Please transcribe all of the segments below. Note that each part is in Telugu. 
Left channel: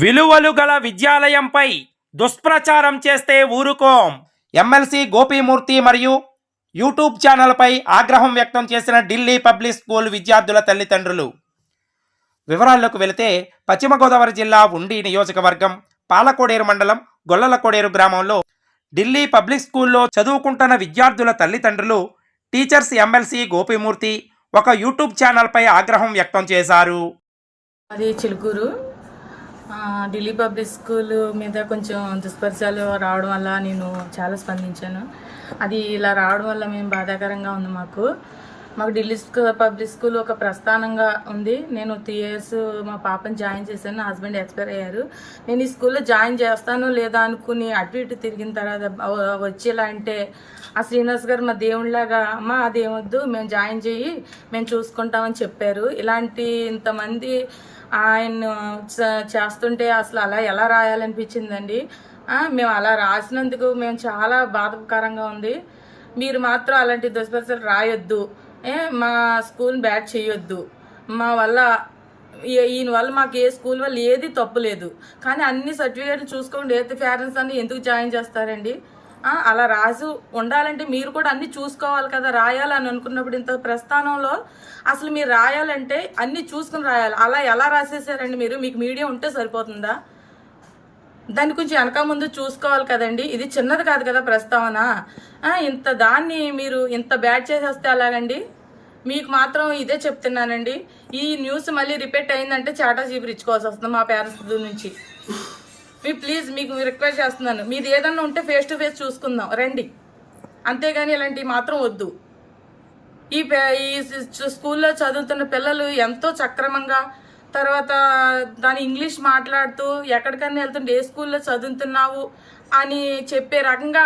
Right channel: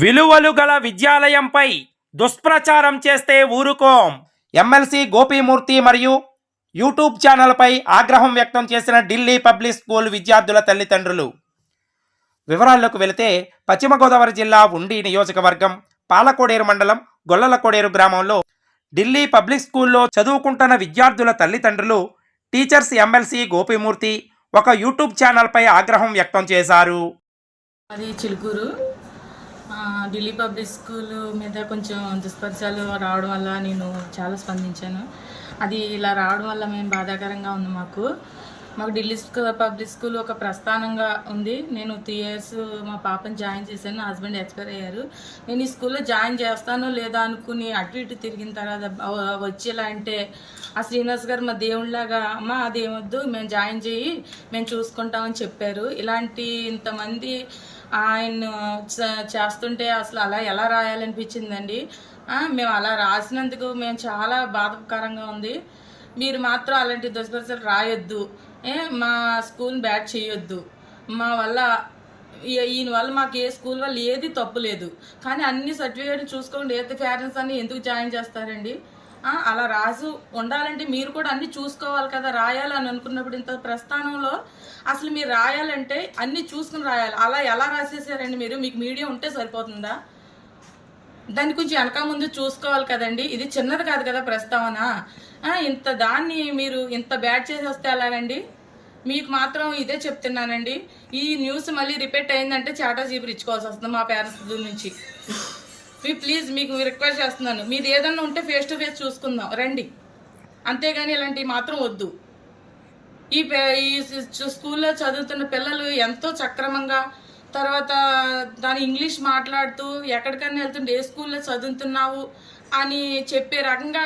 విలువలు గల విద్యాలయంపై దుష్ప్రచారం చేస్తే ఊరుకోం. ఎమ్మెల్సీ గోపీమూర్తి మరియు యూట్యూబ్ ఛానల్పై ఆగ్రహం వ్యక్తం చేసిన ఢిల్లీ పబ్లిక్ స్కూల్ విద్యార్థుల తల్లిదండ్రులు. వివరాల్లోకి వెళితే పశ్చిమ గోదావరి జిల్లా ఉండి నియోజకవర్గం పాలకోడేరు మండలం గొల్లలకోడేరు గ్రామంలో ఢిల్లీ పబ్లిక్ స్కూల్లో చదువుకుంటున్న విద్యార్థుల తల్లిదండ్రులు టీచర్స్ ఎమ్మెల్సీ గోపీమూర్తి ఒక యూట్యూబ్ ఛానల్పై ఆగ్రహం వ్యక్తం చేశారు. అది చిలుకూరు. ఢిల్లీ పబ్లిక్ స్కూల్ మీద కొంచెం దుష్పరిచాలు రావడం వల్ల నేను చాలా స్పందించాను. అది ఇలా రావడం వల్ల మేము బాధాకరంగా ఉంది మాకు. మాకు ఢిల్లీ పబ్లిక్ స్కూల్ ఒక ప్రస్థానంగా ఉంది. నేను త్రీ ఇయర్స్ మా పాపని జాయిన్ చేశాను. నా హస్బెండ్ ఎక్స్పైర్ అయ్యారు. నేను ఈ స్కూల్లో జాయిన్ చేస్తాను లేదా అనుకుని అటు ఇటు తిరిగిన తర్వాత వచ్చేలా అంటే ఆ శ్రీనివాస్ గారు మా దేవుళ్ళలాగా అమ్మ అదేమొద్దు మేము జాయిన్ చేయి మేము చూసుకుంటామని చెప్పారు. ఇలాంటి ఇంతమంది ఆయన చేస్తుంటే అసలు అలా ఎలా రాయాలనిపించిందండి? మేము అలా రాసినందుకు మేము చాలా బాధకరంగా ఉంది. మీరు మాత్రం అలాంటి దుష్పరిస్థితులు రాయొద్దు. ఏ మా స్కూల్ బ్యాట్ చేయొద్దు. మా వల్ల ఈయన వల్ల మాకు ఏ స్కూల్ వల్ల ఏది తప్పు లేదు. కానీ అన్ని సర్టిఫికేట్లు చూసుకోండి ఏ పేరెంట్స్ అని ఎందుకు జాయిన్ చేస్తారండి? అలా రాజు ఉండాలంటే మీరు కూడా అన్ని చూసుకోవాలి కదా రాయాలని అనుకున్నప్పుడు ఇంత ప్రస్థానంలో అసలు మీరు రాయాలంటే అన్ని చూసుకుని రాయాలి. అలా ఎలా రాసేసారండి మీరు? మీకు మీడియా ఉంటే సరిపోతుందా? దాన్ని కొంచెం వెనక ముందు చూసుకోవాలి కదండి. ఇది చిన్నది కాదు కదా ప్రస్తావన. ఇంత దాన్ని మీరు ఇంత బ్యాడ్ చేసేస్తే అలాగండి మీకు మాత్రం ఇదే చెప్తున్నానండి. ఈ న్యూస్ మళ్ళీ రిపీట్ అయిందంటే చాటా జీబులు ఇచ్చుకోవాల్సి వస్తుంది మా పేరెంట్స్ నుంచి. మీ ప్లీజ్ మీకు రిక్వెస్ట్ చేస్తున్నాను. మీది ఏదన్నా ఉంటే ఫేస్ టు ఫేస్ చూసుకుందాం. రండి. అంతేగాని ఇలాంటివి మాత్రం వద్దు. ఈ ఈ స్కూల్లో చదువుతున్న పిల్లలు ఎంతో సక్రమంగా తర్వాత దాని ఇంగ్లీష్ మాట్లాడుతూ ఎక్కడికైనా వెళ్తుంటే ఏ స్కూల్లో చదువుతున్నావు? అని చెప్పే రకంగా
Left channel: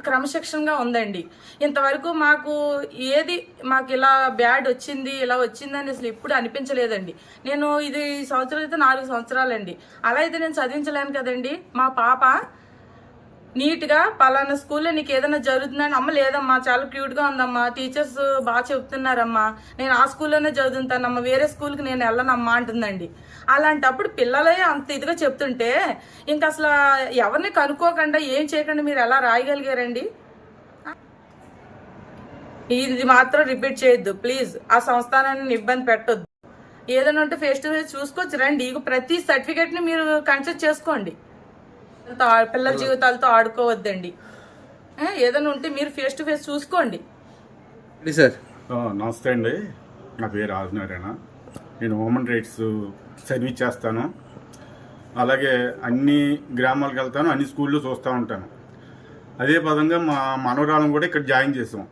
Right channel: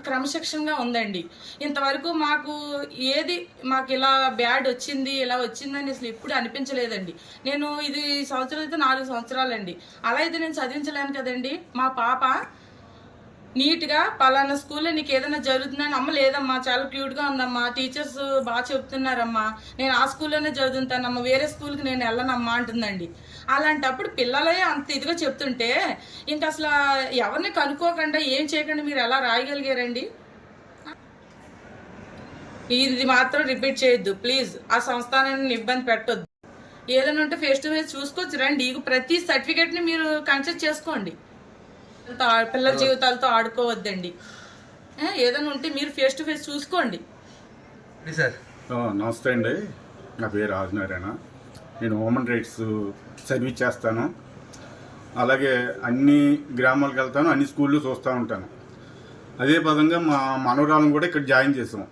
క్రమశిక్షణగా ఉందండి. ఇంతవరకు మాకు ఏది మాకు ఇలా బ్యాడ్ వచ్చింది ఇలా వచ్చిందని అసలు ఎప్పుడు అనిపించలేదండి. నేను ఇది ఈ సంవత్సరం అయితే నాలుగు సంవత్సరాలండి. అలా అయితే నేను చదివించలేను కదండి. మా పాప నీట్గా పలానా స్కూల్లో నీకు ఏదైనా జరుగుతుందని అమ్మ లేదమ్మా చాలా క్యూట్గా ఉందమ్మా టీచర్స్ బాగా చెప్తున్నారమ్మా నేను ఆ స్కూల్లోనే చదువుతానమ్మా వేరే స్కూల్కి నేను వెళ్ళనమ్మా అంటుందండి. అలాంటప్పుడు పిల్లలే అంత ఇదిగా చెప్తుంటే ఇంకా అసలు ఎవరిని కనుక్కోకుండా ఏం చేయకుండా మీరు ఎలా రాయగలిగారండి? ఇది మాత్రం రిపీట్ చేయొద్దు ప్లీజ్. ఆ సంస్థానాన్ని ఇబ్బంది పెట్టొద్దు. ఏదైనా ఉంటే ఫేస్ టు ఫేస్ చూసుకోవచ్చు రండి. ఇక ప్రతి సర్టిఫికేట్ని మీరు కన్సల్ట్ చేసుకోండి. పిల్లల జీవితాలతో ఆడుకోవద్దండి. ఏ, ఏదైనా ఉంటే మీరు ఫేస్ టు ఫేస్ చూసుకోండి. సార్? ఆ, నమస్తే అండి. నా పేరు రాజనారాయణ. నేను హ్యూమన్ రైట్స్ సర్వీస్ చేస్తాను. అలాగే అన్ని గ్రామాలకు వెళ్తాను అన్ని స్కూళ్ళు చూస్తూ ఉంటాను. అదే పదంగా మా మనవరాలను కూడా ఇక్కడ జాయిన్ చేసాం.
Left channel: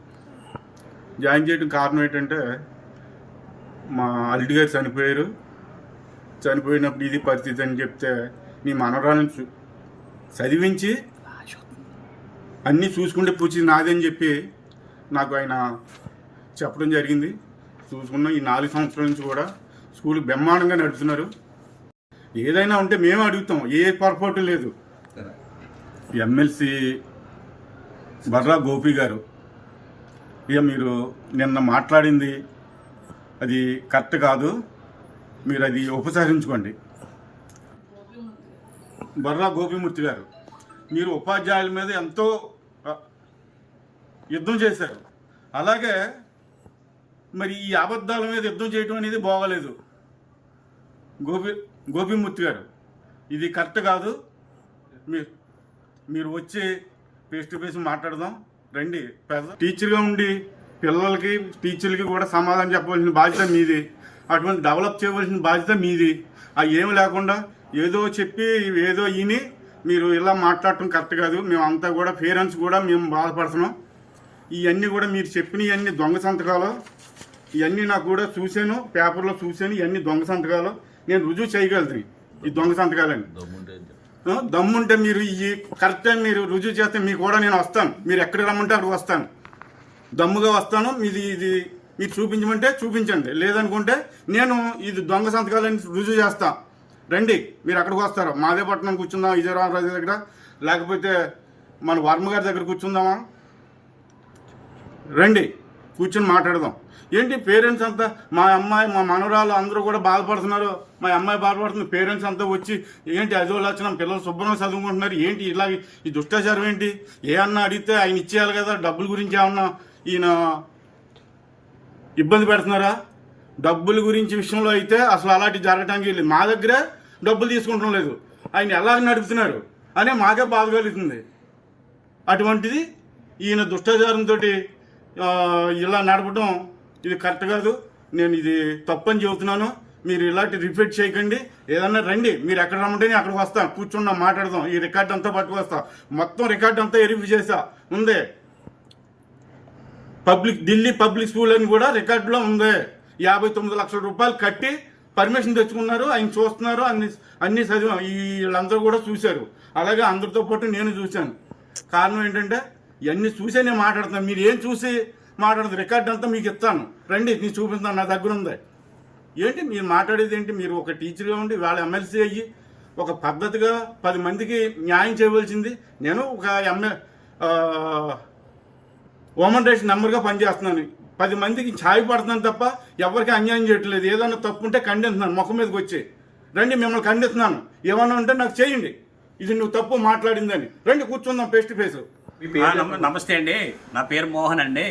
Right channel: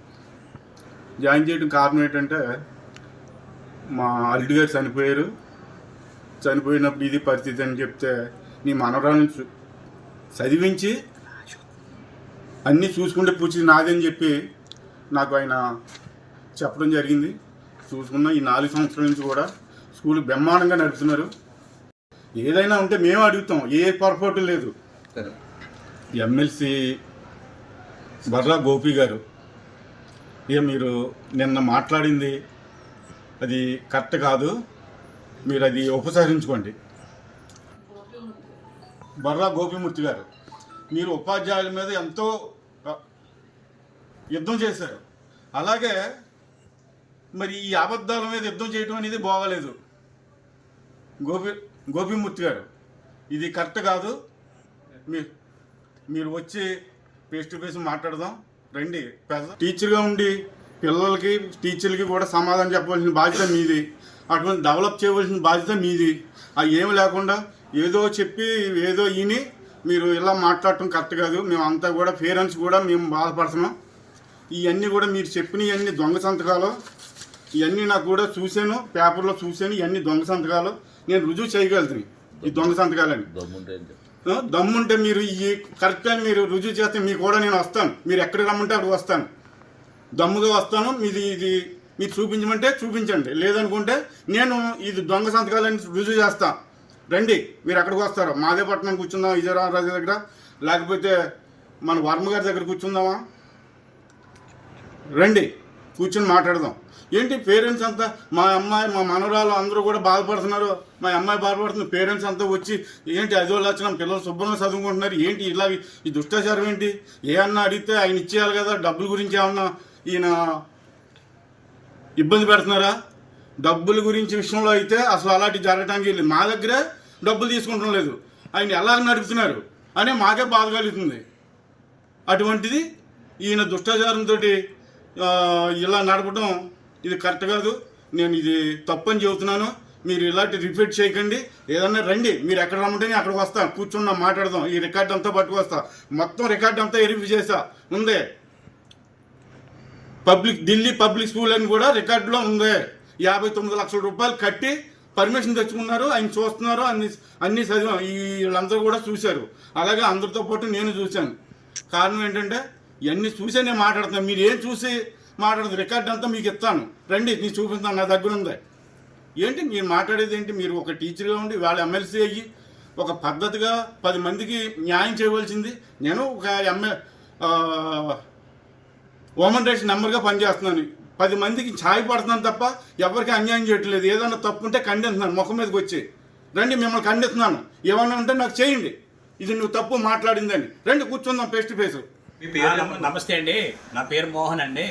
జాయిన్ చేయడం కారణం ఏంటంటే మా అల్లుడి గారు చనిపోయారు. చనిపోయినప్పుడు ఇది పరిస్థితి అని చెప్తే నీ మనవరాలను చూ- చదివించి అన్నీ చూసుకుంటే పూచి నాదని చెప్పి నాకు ఆయన చెప్పడం జరిగింది. చూసుకున్న ఈ నాలుగు సంవత్సరాల నుంచి కూడా స్కూల్ బ్రహ్మాండంగా నడుపుతున్నారు. ఏదైనా ఉంటే మేము అడుగుతాం ఏ పొరపాటు లేదు. ఎమ్మెల్సీ బర్రా గోపి గారు ఇక మీరు నిన్న మాట్లాడింది అది కరెక్ట్ కాదు. మీరు అది ఉపసంహరించుకోండి. బర్రా గోపిమూర్తి గారు మీరు ఉపాధ్యాయుల మీద ఎంతో యుద్ధం చేశారు. అలాగే మరి ఈ అబద్ధాల మీద యుద్ధం చేయడం అనేది బాగలేదు. గోపి గోపిమూర్తి గారు ఇది కరెక్ట్ కాదు. మీరు మీరు వచ్చి ఫేస్ టు ఫేస్ మాట్లాడదాం. రండి పెద్ద టీచర్గా ఉండి పిల్లలకి టీచర్లకి కూడా సమాధానం చెప్పవలసిన బాధ్యత మీది. అటువంటి డెవలప్ చేయవలసిన బాధ్యత మీది. అవి ఏమి లేకుండా ఏదో చెప్పి ఏదో ఈని మీరు ఇలా మాట్లాడటం కరెక్ట్ కాదు. మేము అంతా కూడా పేరెంట్స్ కూడా మేము బాధపడుతున్నాం. ఇవన్నీ కూడా మీరు చెప్పిన ఇవన్నీ దొంగ సంతకాలు. ఇవన్నీ నాకు కూడా చూశాను పేపర్లో చూశాను ఇవన్నీ దొంగ సంతకాలు. నేను రుజువు చేయగలుగుతాను ఈ దొంగ సంతకాలని. దమ్ముంటే మీరు ఈ కరెక్ట్ టైం మీరు రుజువు చేస్తే మీకు కూడా నేను వస్తాను. మీరు ఎక్కడికి రమ్మంటే అక్కడికి వస్తాను. దమ్ముగా వస్తాను. మీది ఇది మీరు చూపించమంటే చూపించండి. లేదనుకుంటే నేను ఇది దొంగ సంతకాలని రుజువు చేస్తా. రండి మీరు ఎక్కడికి వస్తారు? మాదేపట్నం కూర్చుందాం విజయరామరాజు దగ్గర? లేకపోతే మన వర్మ గారి దగ్గర కూర్చుందామా? రండి కూర్చొని మాట్లాడదాం. ఏంటి పేరెంట్స్ అంతా? మా అమ్మాయి మా మనవరాలు అందరూ కూడా బాధపడుతున్నారు. మా అమ్మాయి బాధపడుతుంది. పేరెంట్స్ అంతా వచ్చి ఏంటి అదో లక్షణం? పిల్లలు శుభ్రంగా చదువుకుంటున్నారు. ఏంటి ఇలా ఈ దుష్టాచారం ఏంటి? ఏ అన్నా అడిగితే ఆయన ఇచ్చేయాలి కదా? డబ్బుల గురించి ఏమన్నా ఈయన ఇబ్బంది పెడుతున్నారా? డబ్బుల గురించి విషయంలో అయితే అసలు అలాంటి జరగటానికి వెళ్ళి మా దగ్గరే డబ్బులు తీసుకుంటం లేదు. ఆయన ఎలాగ నడుపుతున్నారు అనే మాకే బాధ కలుగుతుంది. అటువంటిది ఈయన దుష్టాచారంతో ఇలా నడపడం ఇది కరెక్ట్ కాదు. నేను ఇది తప్పని చెబుతున్నాను. మీరు ఇలాంటి రిపీట్ చేయకండి. ఏదన్నా రండి. మీరు ఎక్కడ రమ్మంటే నేను అక్కడికి వస్తాను కూర్చున్నా మాట్లాడదాం. ఈ రికార్డ్ అంతా పట్టుకొస్తా మొత్తం రికార్డ్ అంతా వెరిఫై చేసా ఉందే? పబ్లిక్ ఢిల్లీ పబ్లిక్ స్కూల్ అని కూడా రికార్డులో ఉంది. యాభై తొమ్మిది లక్షల రూపాయలు కట్టి పర్మిషన్ తెచ్చుకున్నారు ఆయన చూస్తున్నారు అన్ని అన్ని చదివాం. వీళ్ళందరూ కూడా చూశారు. అలాగే అందరితో పాటు నేను చూశాను. కారణం ఏంటంటే ఇవన్నీ చూసే నేను మాట్లాడుతున్నాను. మీరు ఏం చూసి మాట్లాడుతుంది రికార్డ్ అంతా మీకు ఇస్తాను. రండి నేను చూపిస్తాను నా దగ్గర ఉంది. ఏంటి? మీరు మాట్లాడేది ఏంటి? మీరు ఒక టీచర్గా ఉండి వాళ్ళ ఎమ్మెల్సీ అయ్యి ఒక పద్ధతిగా పది మందికి న్యాయం చేయవలసింది. నేను ఒక ఎమ్మె ఆ, ఉమెన్ రైట్స్ నెంబర్గా పనిచేస్తున్నాను. పది మందికి ఛాయ్ పడుతున్నాను తప్ప ఎవరికి అన్యాయం చేయట్లేదు. ఏదైనా తప్పు ఉంటే ఖండిస్తున్నాను ముఖం మీదకి వచ్చి. రండి మిమ్మల్ని ఖండిస్తున్నాను ఏమన్నా ఉంటే నాకు చేయండి. ఇది నువ్వు తప్పు మాట్లాడిందని. రండి కూర్చుందాం ఫేస్ టు ఫేస్ నమస్తే అండి. నా పేరు మోహన్ అండి.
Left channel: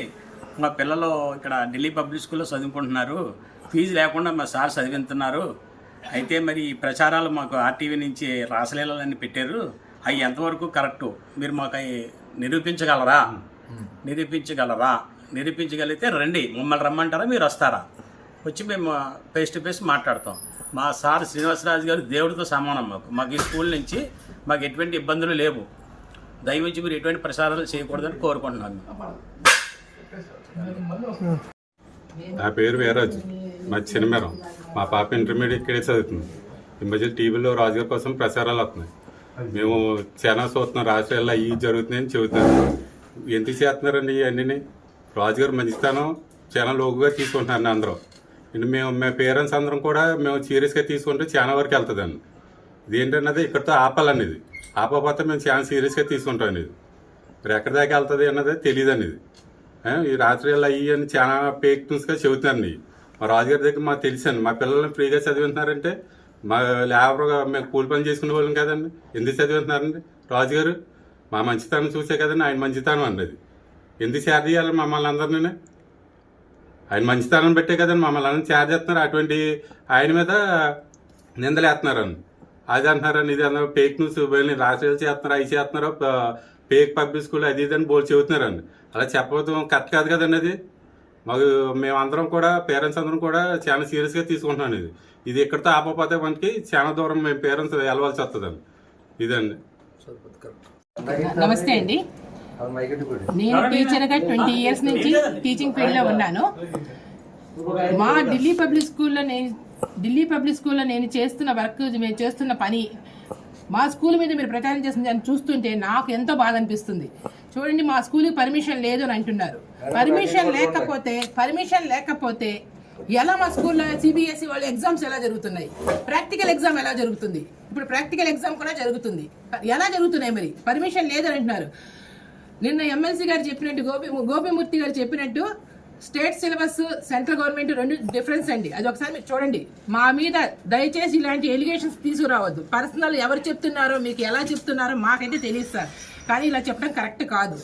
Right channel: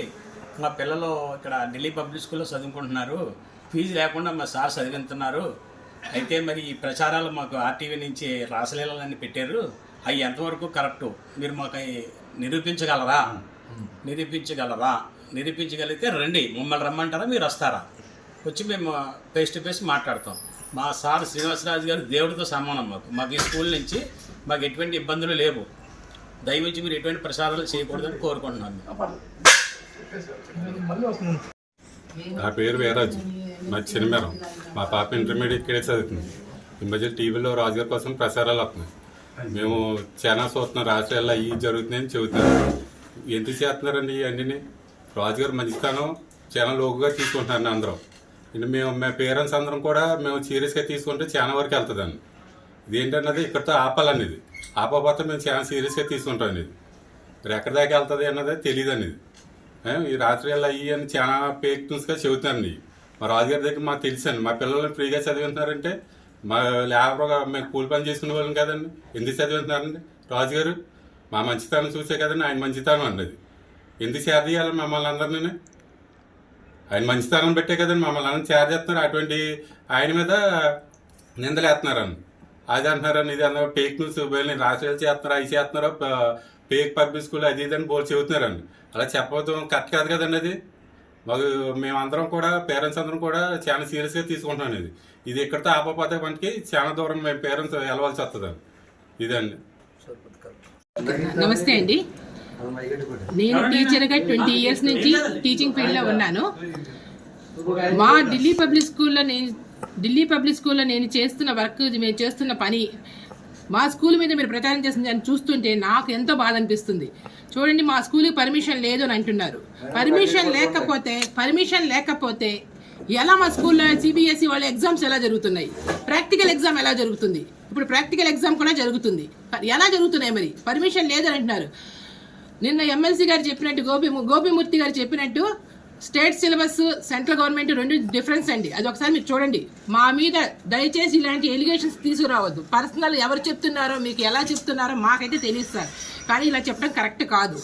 మా పిల్లలు ఇక్కడ ఢిల్లీ పబ్లిక్ స్కూల్లో చదువుకుంటున్నారు. ఫీజు లేకుండా మా సార్ చదివిస్తున్నారు అయితే మరి ఈ ప్రచారాలు మాకు ఆర్టీవీ నుంచి రాసలీలన్నీ పెట్టారు. అవి ఎంతవరకు కరెక్టు? మీరు మాకు అవి నిరూపించగలరా? నిరూపించగలరా? నిరూపించగలిగితే రండి మమ్మల్ని రమ్మంటారా మీరు వస్తారా? వచ్చి మేము ఫేస్ టు ఫేస్ మాట్లాడతాం. మా సార్ శ్రీనివాసరాజు గారు దేవుడితో సమానం మాకు. మాకు ఈ స్కూల్ నుంచి మాకు ఎటువంటి ఇబ్బందులు లేవు. దయవించి మీరు ఎటువంటి ప్రసారాలు చేయకూడదని కోరుకుంటున్నాను. నా పేరు వీరాజు మా చిన్నమేరం మా పాప ఇంటర్మీడియట్ ఇక్కడే చదువుతుంది. ఈ మధ్య టీవీలో రాజుగారి కోసం ప్రసారాలు వస్తున్నాయి. మేము చాలా చూస్తున్నాం రాష్ట్రాల్లో అవి జరుగుతున్నాయని చెబుతున్నాం. ఎందుకు చేస్తున్నారండి ఇవన్నీ? రాజుగారు మంచితనం చాలా లోకుగా తీసుకుంటున్నారు అందరూ. ఇది మేము మేము పేరెంట్స్ అందరం కూడా మేము సీరియస్గా తీసుకుంటే చాలా వరకు వెళ్తుందండి. ఇదేంటన్నది ఇక్కడితో ఆపాలనేది ఆపకపోతే మేము చాలా సీరియస్గా తీసుకుంటాం అనేది. మరి ఎక్కడి దాకా వెళ్తుంది అన్నది తెలియదు అనేది ఈ రాత్రి అయ్యి అని చాలా ఫేక్ న్యూస్గా చెబుతున్నారండి. మా రాజుగారి దగ్గర మాకు తెలుసండి. మా పిల్లల్ని ఫ్రీగా చదివిస్తున్నారంటే మా లేబర్గా మేము కూలి పని చేసుకునే వాళ్ళం కదండి. ఎందుకు చదివిస్తున్నారండి రాజుగారు మా మంచితనం చూసే కదండి ఆయన మంచితనం అండి అది ఎందుకు చేర చేయాలి మమ్మల్ని అందరినీ? ఆయన మంచితనం పెట్టే కదండి మమ్మల్ని అందరిని చేర చేస్తున్నారు. అటువంటి ఆయన మీద నిందలేస్తున్నారండి. అది అంటున్నారని ఇది అన్నారు ఫేక్ న్యూస్ వీళ్ళని రాష్ట్రాలు చేస్తున్నారు అవి చేస్తున్నారు ఫేక్ పబ్లిక్ స్కూల్ అది ఇది అని బోల్ చెబుతున్నారండి. అలా చెప్పడం కరెక్ట్ కాదు కదండి అది. మాకు మేమందరం కూడా పేరెంట్స్ అందరం కూడా చాలా సీరియస్గా తీసుకుంటున్నాం ఇది. ఇది ఎక్కడితో ఆపకపోతే మనకి చాలా దూరం మేము పేరెంట్స్ వెళ్ళవలసి వస్తుందండి. ఇదండి. నమస్తే అండి. నేను టీచర్గా ట్వంటీ ఇయర్స్ నుంచి టీచింగ్ ఫీల్డ్లో ఉన్నాను. మా ఢిల్లీ పబ్లిక్ స్కూల్లో నేను ఢిల్లీ పబ్లిక్ స్కూల్లో నేను చేస్తున్న వర్క్ మేము చేస్తున్న పని మా స్కూల్ మీద మీరు ప్రచారం చేసిన అని చూస్తుంటే నాకు ఎంతో బాధ అనిపిస్తుంది. చూడండి మా స్కూల్కి పర్మిషన్ లేదు అని అంటున్నారు. పర్మిషన్ లేకపోతే పర్మిషన్ లేకపోతే ఎలా మా స్కూల్లో సిబిఎస్ఈ వాళ్ళ ఎగ్జామ్స్ ఎలా జరుగుతున్నాయి? ప్రాక్టికల్ ఎగ్జామ్ ఎలా జరుగుతుంది? ఇప్పుడు ప్రాక్టికల్ ఎగ్జామ్ కూడా జరుగుతుంది. ఎలా జరుగుతున్నాయి మరి? పర్మిషన్ లేదని అంటున్నారు. నిన్న ఎమ్మెల్సీ గారు చెప్పినట్టు గోపి గోపిమూర్తి గారు చెప్పినట్టు స్టేట్ సిలబస్ సెంట్రల్ గవర్నమెంట్ రెండు డిఫరెన్స్ అండి. అది ఒకసారి మీరు చూడండి. మా మీద దయచేసి ఇలాంటి ఎలిగేషన్స్ తీసుకురావద్దు. పర్సనల్ ఎవరు చెప్తున్నారో మీకు ఎలా చెప్తున్నారో మాకైతే తెలియదు సార్. కానీ ఇలా చెప్పడం కరెక్ట్ కాదు.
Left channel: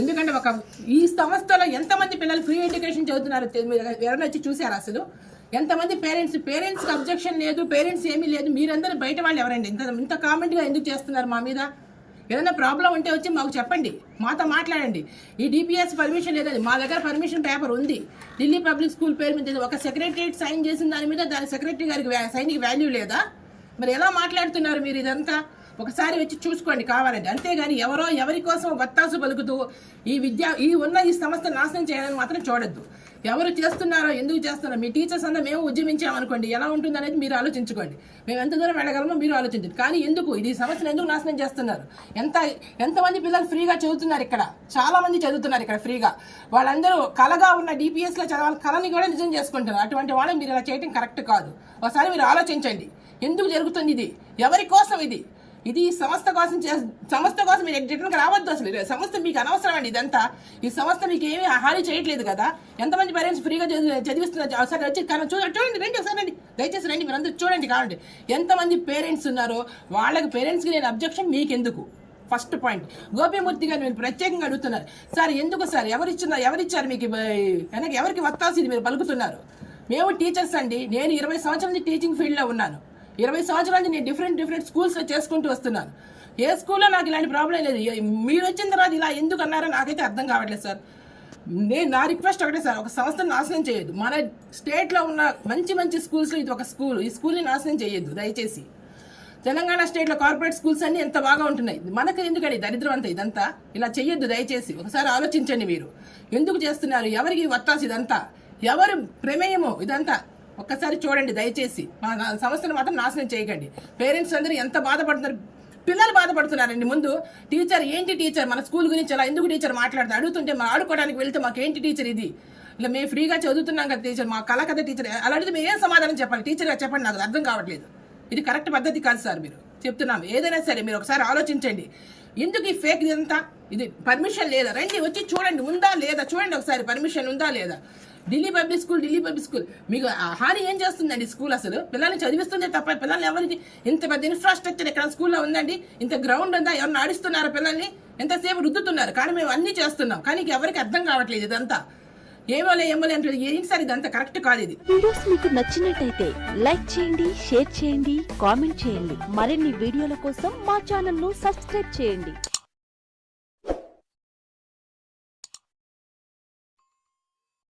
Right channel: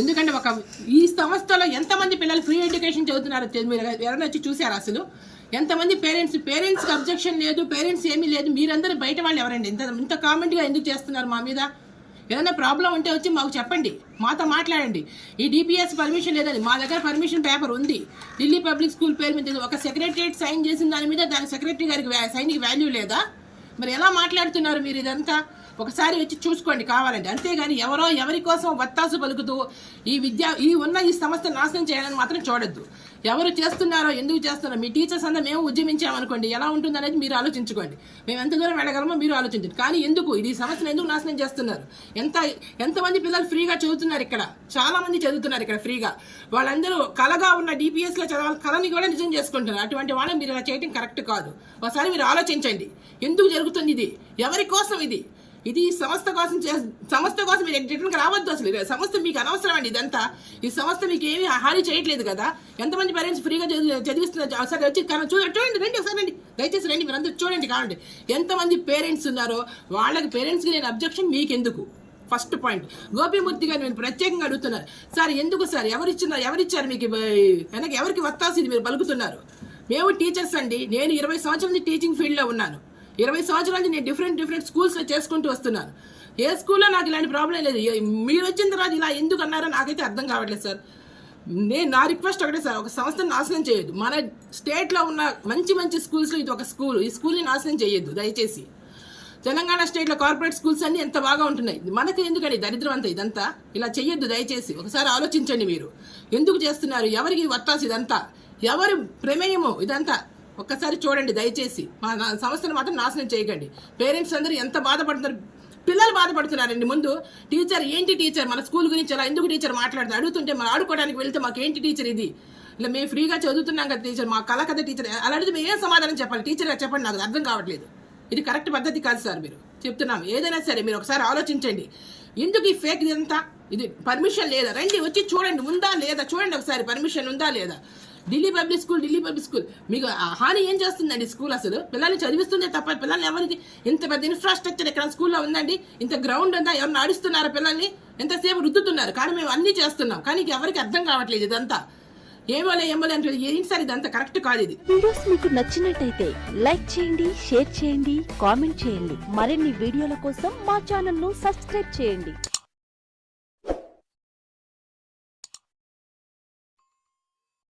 ఎందుకంటే ఒక ఈ సంస్థలో ఎంతమంది పిల్లలు ఫ్రీ ఎడ్యుకేషన్ చదువుతున్నారో మీరు ఎవరైనా వచ్చి చూసారు అసలు? ఎంతమంది పేరెంట్స్ పేరెంట్స్కి అబ్జెక్షన్ లేదు పేరెంట్స్ ఏమీ లేదు. మీరందరూ బయట వాళ్ళు ఎవరండి? ఇంత ఇంత కామెంట్గా ఎందుకు చేస్తున్నారు మా మీద? ఏదైనా ప్రాబ్లం ఉంటే వచ్చి మాకు చెప్పండి. మాతో మాట్లాడండి. ఈ డిపిఎస్ పర్మిషన్ లేదండి. మా దగ్గర పర్మిషన్ పేపర్ ఉంది. ఢిల్లీ పబ్లిక్ స్కూల్ పేరు మీద ఒక సెక్రటరియట్ సైన్ చేసిన దాని మీద దాని సెక్రటరీ గారికి సైన్కి వాల్యూ లేదా? మరి ఎలా మాట్లాడుతున్నారు మీరు ఇదంతా? ఒకసారి వచ్చి చూసుకోండి కావాలంటే. అంతేగాని ఎవరో ఎవరి కోసం వత్తాసు పలుకుతూ ఈ విద్య ఈ ఉన్న ఈ సంస్థ నాశనం చేయాలని మాత్రం చూడొద్దు. ఎవరు చేస్తున్నారో ఎందుకు చేస్తున్నారో మీ టీచర్స్ అంతా మేము ఉద్యమించామనుకోండి ఎలా ఉంటుంది అనేది మీరు ఆలోచించుకోండి. మేము ఎంత దూరం వెళ్ళగలమో మీరు ఆలోచించండి. కానీ ఎందుకు? ఇది ఈ సమస్యను ఎందుకు నాశనం చేస్తున్నారు? ఎంత ఎంతమంది పిల్లలు ఫ్రీగా చదువుతున్నారు ఇక్కడ? చాలామంది చదువుతున్నారు ఇక్కడ ఫ్రీగా. వాళ్ళందరూ కలగా ఉన్న డిపిఎస్లో చదవాలి కళని కూడా నిజం చేసుకుంటున్నారు. అటువంటి వాళ్ళని మీరు ఇలా చేయడం కరెక్ట్ కాదు. ఒకసారి మీరు ఆలోచించండి. ఎందుకు జరుగుతుంది ఇది? ఎవరి కోసం ఇది? ఇది సంస్థ కోసం చే సంస్థ కోసం మీరు రిటర్న్కి రావద్దు అసలు. సంస్థ మీకు అనవసరం అండి ఇదంతా. ఈ సంస్థ మీకు ఏమీ హాని చేయట్లేదు కదా. ఎంతమంది పేరెంట్స్ ఫ్రీగా చదివి- చదివిస్తున్నారు ఒకసారి వచ్చి కానీ చూడండి చూడండి రండి ఒకసారి రండి. దయచేసి రండి మీరు అందరూ చూడండి కావండి. ఎంతమంది పేరెంట్స్ ఉన్నారో వాళ్ళకి పేరెంట్స్కి నేను అబ్జెక్షన్ మీకెందుకు? ఫస్ట్ పాయింట్ గోపిమూర్తి గారు మీరు ప్రత్యేకంగా అడుగుతున్నారు. సార్ ఎందుకు సార్? ఎవరిచ్చిన ఎవరిచ్చారు మీకు వెనక ఎవరికి వత్తాల్సింది మీరు పలుకుతున్నారు? మేము టీచర్స్ అండి. నేను ఇరవై సంవత్సరాల నుంచి టీచింగ్ ఫీల్డ్లో ఉన్నాను. ఇరవై సంవత్సరాల నుంచి నేను డిఫరెంట్ డిఫరెంట్ స్కూల్స్లో చేసుకుంటూ వస్తున్నాను. ఏ స్కూల్లో నాకు ఇలాంటి ప్రాబ్లం లేదు. మీరు వచ్చిన తర్వాత ఇలా ఎందుకు అన్నారో నాకైతే అర్థం కావట్లేదు సార్. నేను నా రిక్వెస్ట్ ఒకటే సార్ ఒక సంస్థను నాశనం చేయొద్దు. మన స్టేట్లో ఉన్న మంచి మంచి స్కూల్స్లో ఇది ఒక స్కూల్ ఈ స్కూల్ని నాశనం చేయొద్దు దయచేసి. తెలంగాణ స్టేట్లో కార్పొరేట్ స్కూల్స్ అన్ని ఎంత బాగా ఉంటున్నాయి? మనకు ఎందుకని దరిద్రం అంతా ఇదంతా? ఇలా చెయ్యొద్దు దయచేసి. ఒకసారి ఆలోచించండి మీరు. ఎందుకు చేస్తున్నారు? ఎవరికి వత్తాసు ఇదంతా? ఎవరు ప్రమేయము ఇదంతా? ఒక్కసారి చూడండి దయచేసి. మా నా- సంస్థను మాత్రం నాశనం చేయకండి. పేరెంట్స్ అందరూ ఎంత బాధపడుతున్నారు? పిల్లలు బాధపడుతున్నారండి. ముందు టీచర్ ఏంటి టీచర్? మన స్కూల్ గురించి అలా ఎందుకు టీచర్ మాట్లాడుతుంది? అడుగుతుంటే మనం ఆడుకోవడానికి వెళ్తే మాకు ఏంటి టీచర్ ఇది? ఇలా మేము ఫ్రీగా చదువుతున్నాం కదా టీచర్ మా కళ కదా టీచర్. అలా అడిగితే మేము ఏం సమాధానం చెప్పాలి? టీచర్గా చెప్పండి నాకు అర్థం కావట్లేదు. ఇది కరెక్ట్ పద్ధతి కాదు సార్ మీరు. చెప్తున్నాం. ఏదైనా సరే మీరు ఒకసారి ఆలోచించండి. ఎందుకు ఈ ఫేక్ ఇదంతా? ఇది పర్మిషన్ లేదా? రండి వచ్చి చూడండి ఉందా లేదా? చూడండి ఒకసారి పర్మిషన్ ఉందా లేదా? Delhi public school Delhi public school. మీకు ఆ హాని ఏం చేస్తుందండి స్కూల్ అసలు? పిల్లల్ని చదివిస్తుందే తప్ప పిల్లల్ని ఎవరికి ఇంత పెద్ద ఇన్ఫ్రాస్ట్రక్చర్ ఇక్కడ స్కూల్లో ఉందండి? ఇంత గ్రౌండ్ ఉందా? ఎవరిని ఆడిస్తున్నారు పిల్లల్ని? ఎంతసేపు రుద్దుతున్నారు? కానీ మేము అన్నీ చేస్తున్నాం. కానీ ఎవరికి అర్థం కావట్లేదు ఇదంతా. ఏమోలే ఏమోలే అంటే ఏంటి సార్ ఇదంతా? కరెక్ట్ కాదు ఇది. వీడియోస్ మీకు నచ్చినట్టయితే లైక్ చేయండి షేర్ చేయండి కామెంట్ చేయండి. మరిన్ని వీడియోల కోసం మా ఛానల్ను సబ్స్క్రైబ్ చేయండి.